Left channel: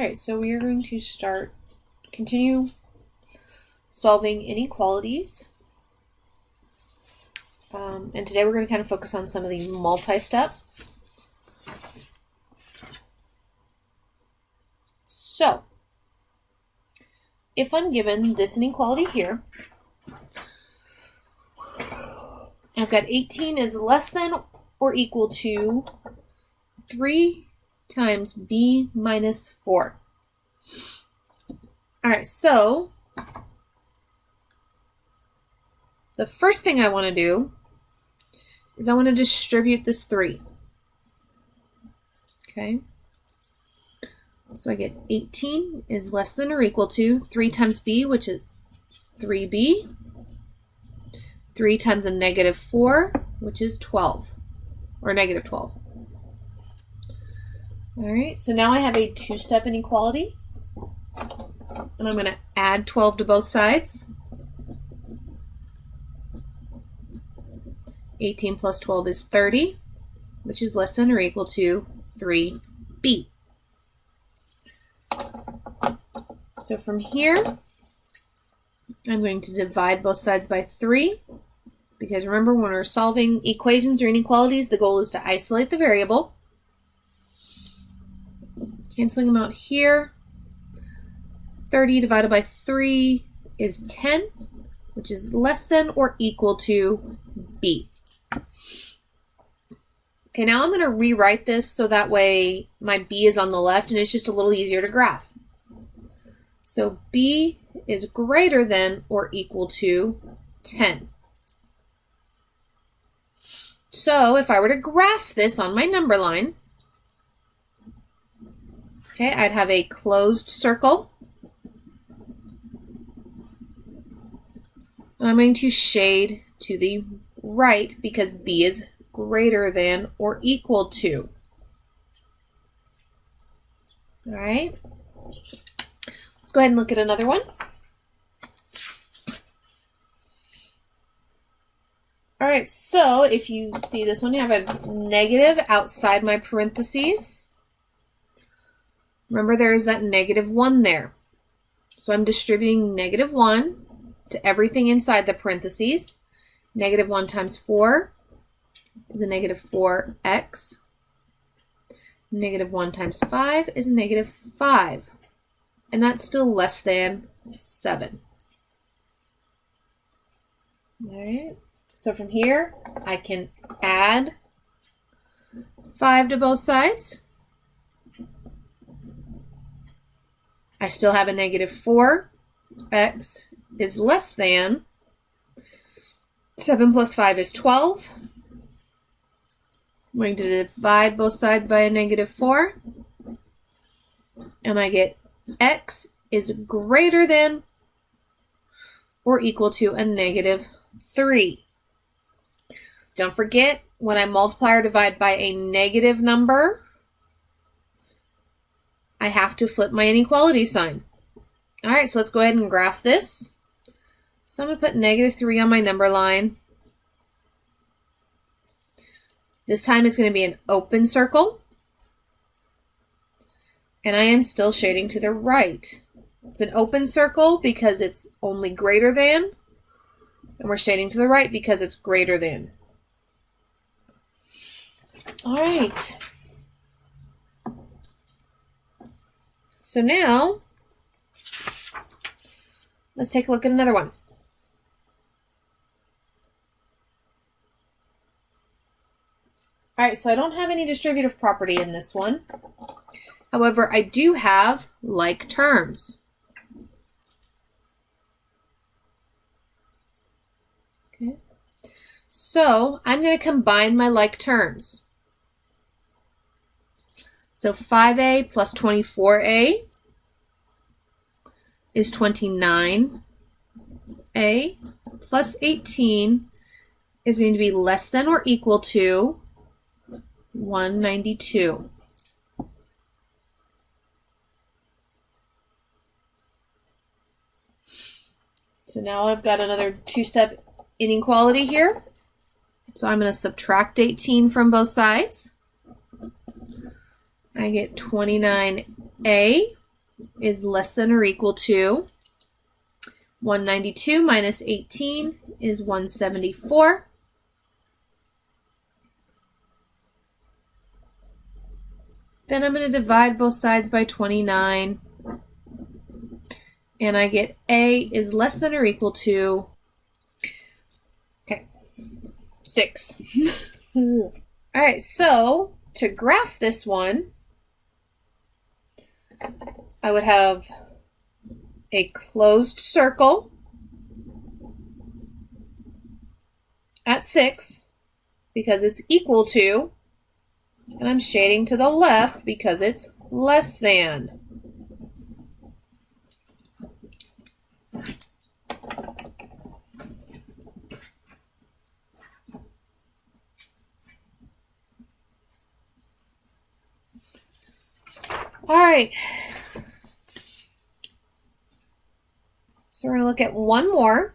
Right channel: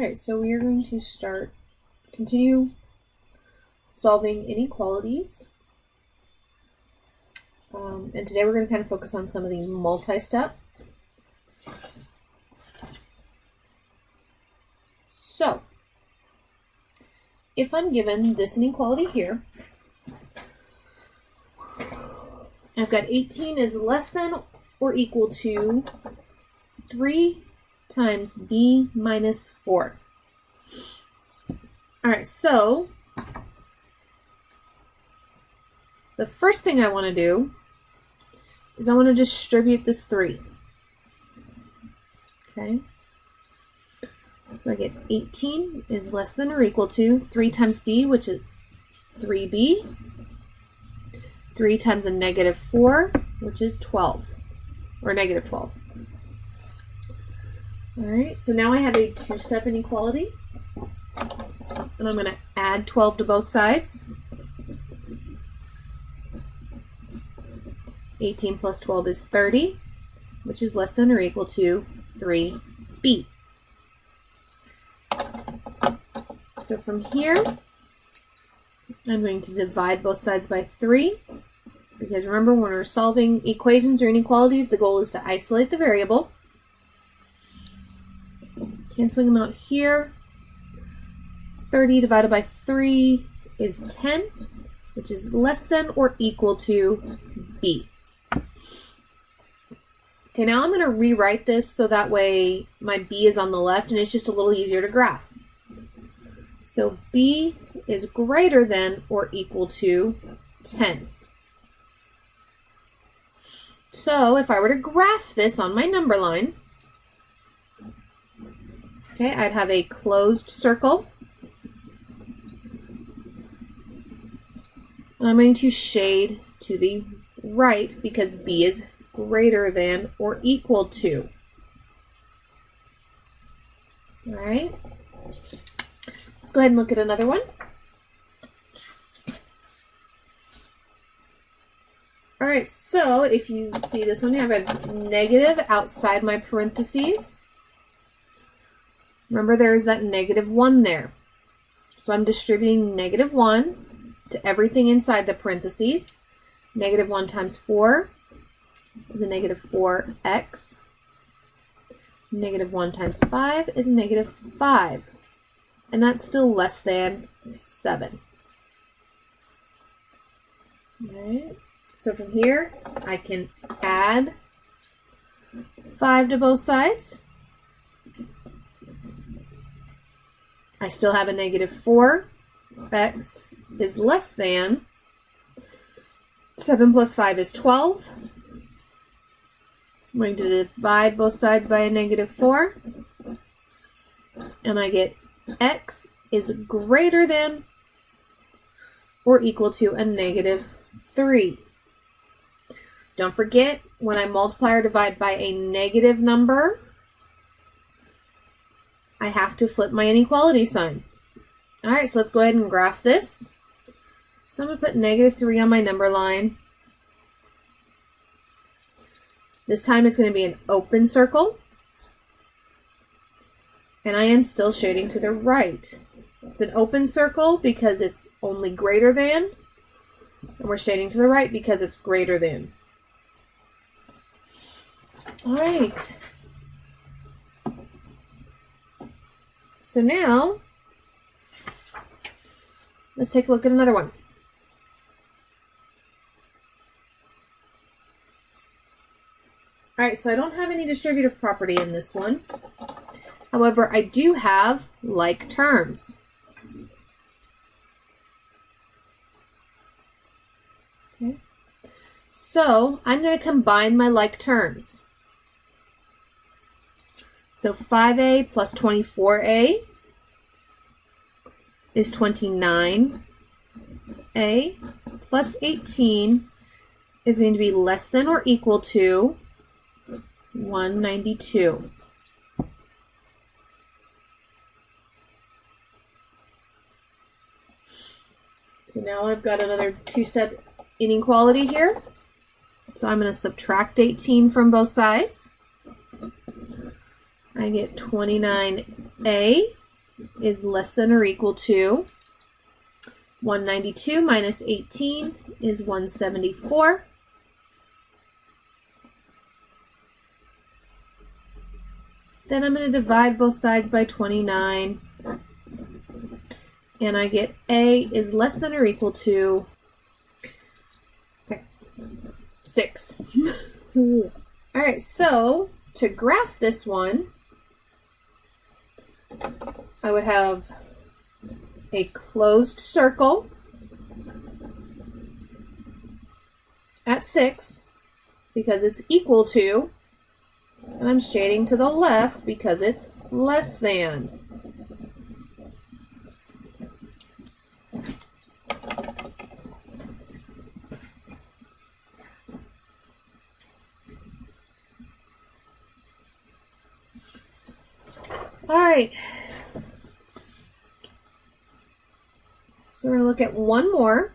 Alright, so we are going to continue solving inequalities. And today we're going to kind of focus on some of the multi-step. So, if I'm given this inequality here, I've got 18 is less than or equal to 3 times b minus 4. Alright, so the first thing I want to do is I want to distribute this 3. Okay, so I get 18 is less than or equal to 3 times b, which is 3b, 3 times a negative 4, which is 12, or negative 12. Alright, so now I have a two-step inequality, and I'm going to add 12 to both sides. 18 plus 12 is 30, which is less than or equal to 3b. So from here, I'm going to divide both sides by 3, because remember, when we're solving equations or inequalities, the goal is to isolate the variable. Canceling them out here. 30 divided by 3 is 10, which is less than or equal to b. Okay, now I'm going to rewrite this so that way my b is on the left and it's just a little easier to graph. So b is greater than or equal to 10. So if I were to graph this on my number line, okay, I'd have a closed circle. And I'm going to shade to the right because b is greater than or equal to. All right. Let's go ahead and look at another one. All right, so if you see this one, you have a negative outside my parentheses. Remember, there is that negative 1 there. So I'm distributing negative 1 to everything inside the parentheses. Negative 1 times 4 is a negative 4x. Negative 1 times 5 is a negative 5. And that's still less than 7. All right. So from here, I can add 5 to both sides. I still have a negative 4x is less than 7 plus 5 is 12. I'm going to divide both sides by a negative 4. And I get x is greater than or equal to a negative 3. Don't forget, when I multiply or divide by a negative number, I have to flip my inequality sign. All right, so let's go ahead and graph this. So I'm going to put negative 3 on my number line. This time it's going to be an open circle. And I am still shading to the right. It's an open circle because it's only greater than. And we're shading to the right because it's greater than. All right. So now, let's take a look at another one. All right, so I don't have any distributive property in this one. However, I do have like terms. Okay. So I'm going to combine my like terms. So 5a plus 24a is 29. A plus 18 is going to be less than or equal to 192. So now I've got another two-step inequality here. So I'm going to subtract 18 from both sides. I get 29a is less than or equal to 192 minus 18 is 174. Then I'm going to divide both sides by 29. And I get A is less than or equal to 6. All right, so to graph this one, I would have a closed circle at 6 because it's equal to, and I'm shading to the left because it's less than. All right. So we're going to look at one more.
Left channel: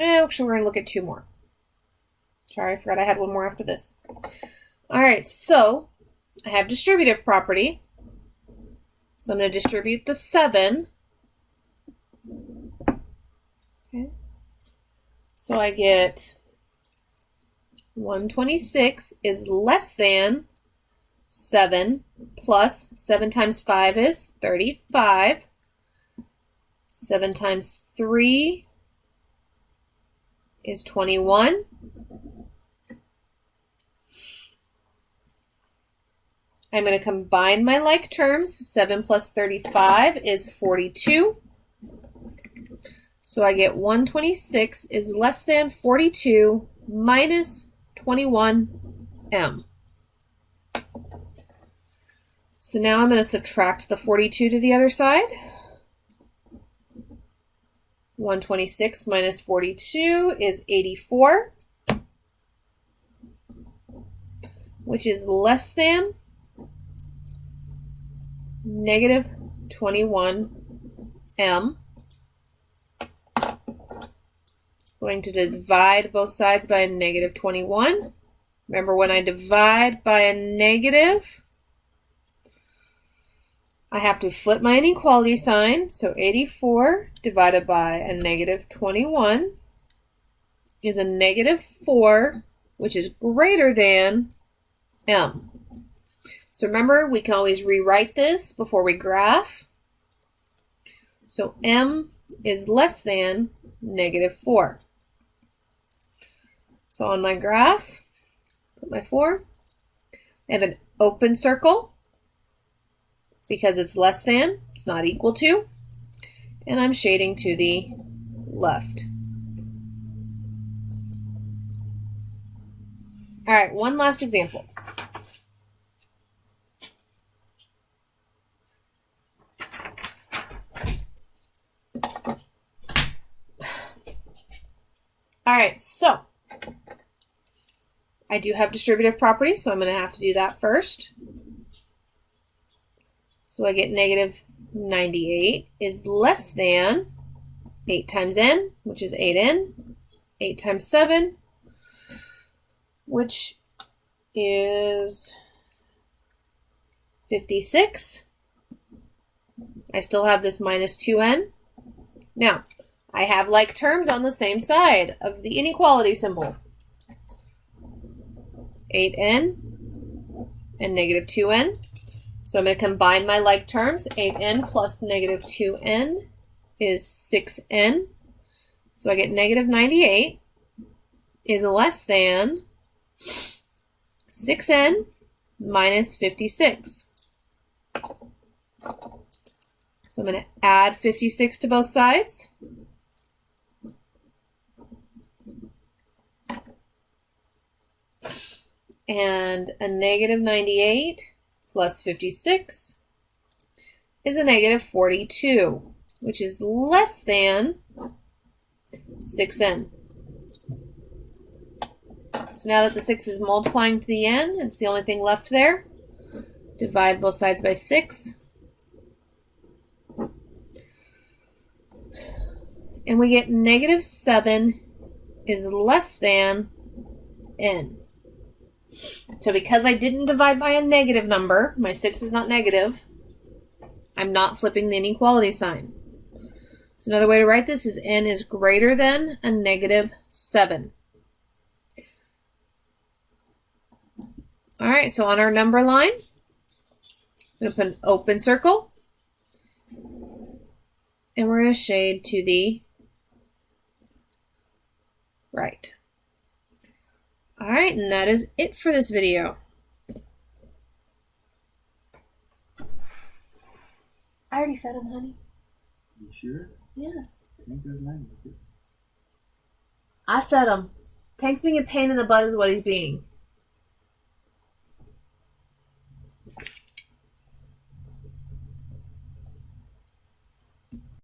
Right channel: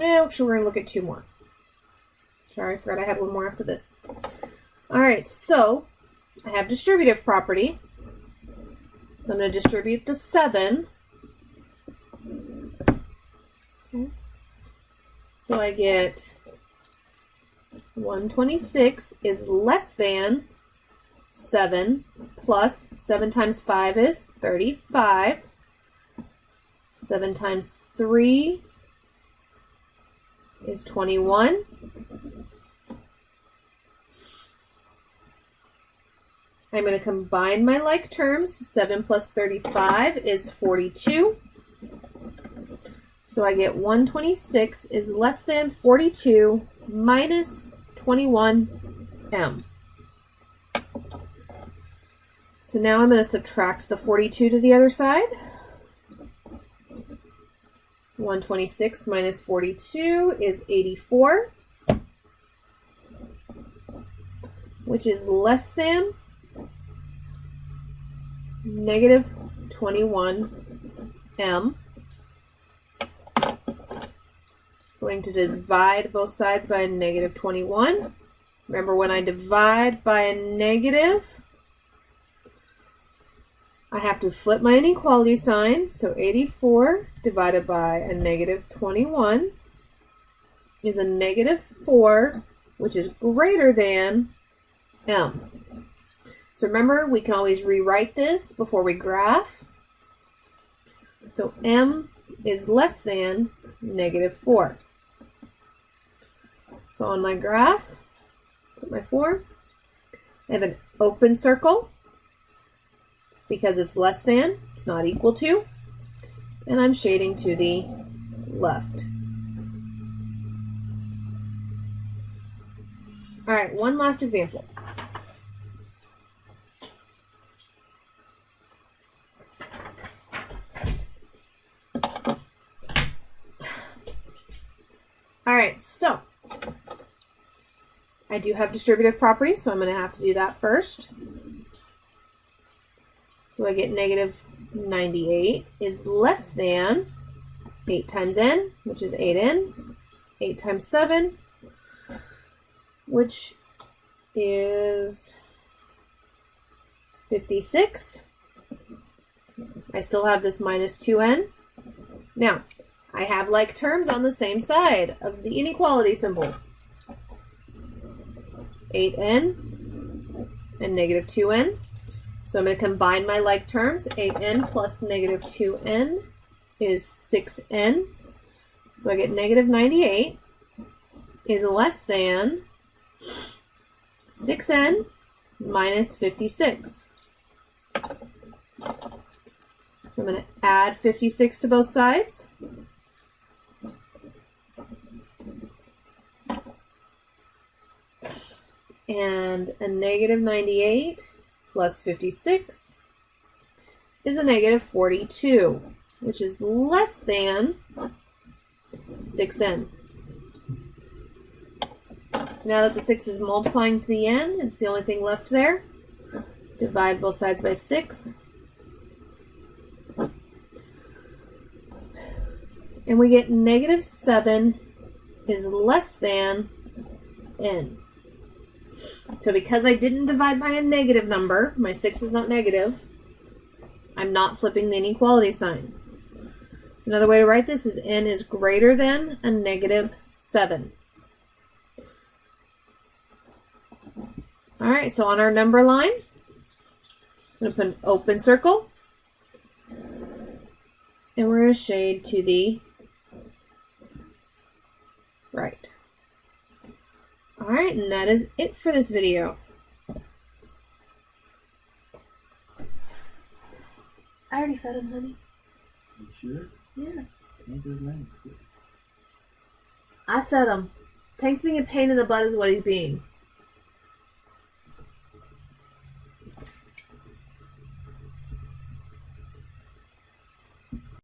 Actually, we're going to look at two more. Sorry, I forgot I had one more after this. All right, so I have distributive property. So I'm going to distribute the 7. Okay. So I get 126 is less than 7 plus 7 times 5 is 35. 7 times 3 is 21. I'm going to combine my like terms. 7 plus 35 is 42. So I get 126 is less than 42 minus 21m. So now I'm going to subtract the 42 to the other side. 126 minus 42 is 84, which is less than negative 21m. Going to divide both sides by a negative 21. Remember, when I divide by a negative, I have to flip my inequality sign. So 84 divided by a negative 21 is a negative 4, which is greater than m. So remember, we can always rewrite this before we graph. So m is less than negative 4. So on my graph, put my 4. I have an open circle because it's less than, it's not equal to, and I'm shading to the left. All right, one last example. All right, so I do have distributive property, so I'm going to have to do that first. So I get negative 98 is less than 8 times n, which is 8n, 8 times 7, which is 56. I still have this minus 2n. Now, I have like terms on the same side of the inequality symbol. 8n and negative 2n. So I'm going to combine my like terms. 8n plus negative 2n is 6n. So I get negative 98 is less than 6n minus 56. So I'm going to add 56 to both sides. And a negative 98 plus 56 is a negative 42, which is less than 6n. So now that the 6 is multiplying to the n, it's the only thing left there. Divide both sides by 6. And we get negative 7 is less than n. So because I didn't divide by a negative number, my 6 is not negative, I'm not flipping the inequality sign. So another way to write this is n is greater than a negative 7. All right, so on our number line, I'm going to put an open circle, and we're going to shade to the right. All right, and that is it for this video. I already fed him, honey. You sure? Yes. Tank doesn't have it. I fed him. Tank's being a pain in the butt is what he's being.